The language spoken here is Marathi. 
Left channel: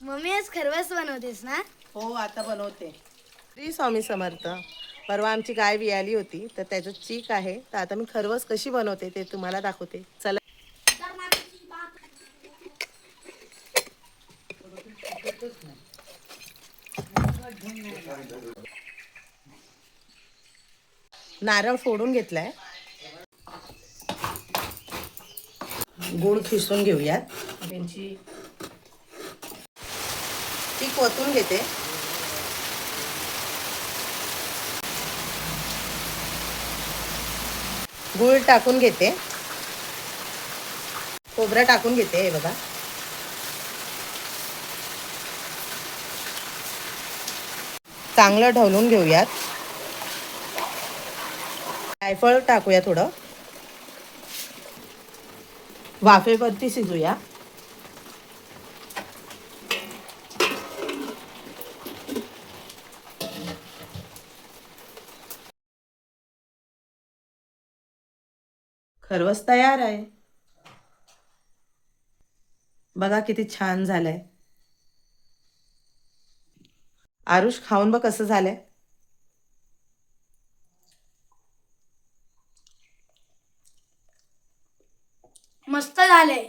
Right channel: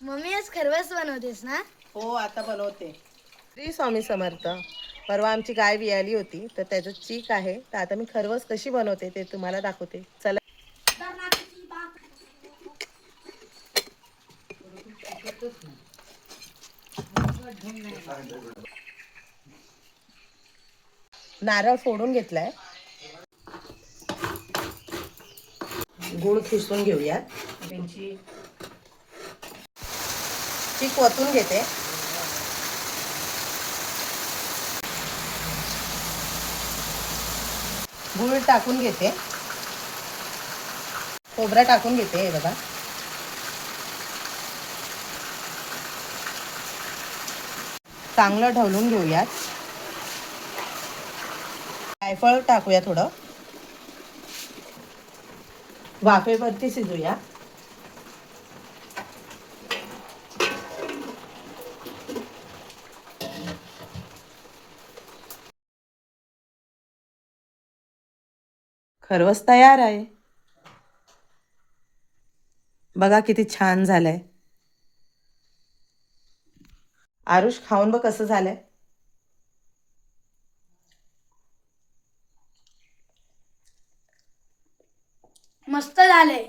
मम्मी आज खरवस बनवतेस ना? हो आता बनवते. श्री स्वामी समर्थ. परवा आमची गाय वियाली होती तर त्याचं चीक आहे. तर आता मी खरवस कशी बनवते ते तुम्हाला दाखवते. चला. नारळ फोडून घेतलाय. गूळ खिसून घेऊया. चीक ओतून घेते. गूळ टाकून घेते. खोबरं टाकून घेते. हे बघा. चांगलं ढवलून घेऊयात. जायफळ टाकूया थोडं. वाफेवरती शिजूया. खरवस तयार आहे. बघा किती छान झालंय. आरुष खाऊन बघ कसं झालंय. मस्त झाले.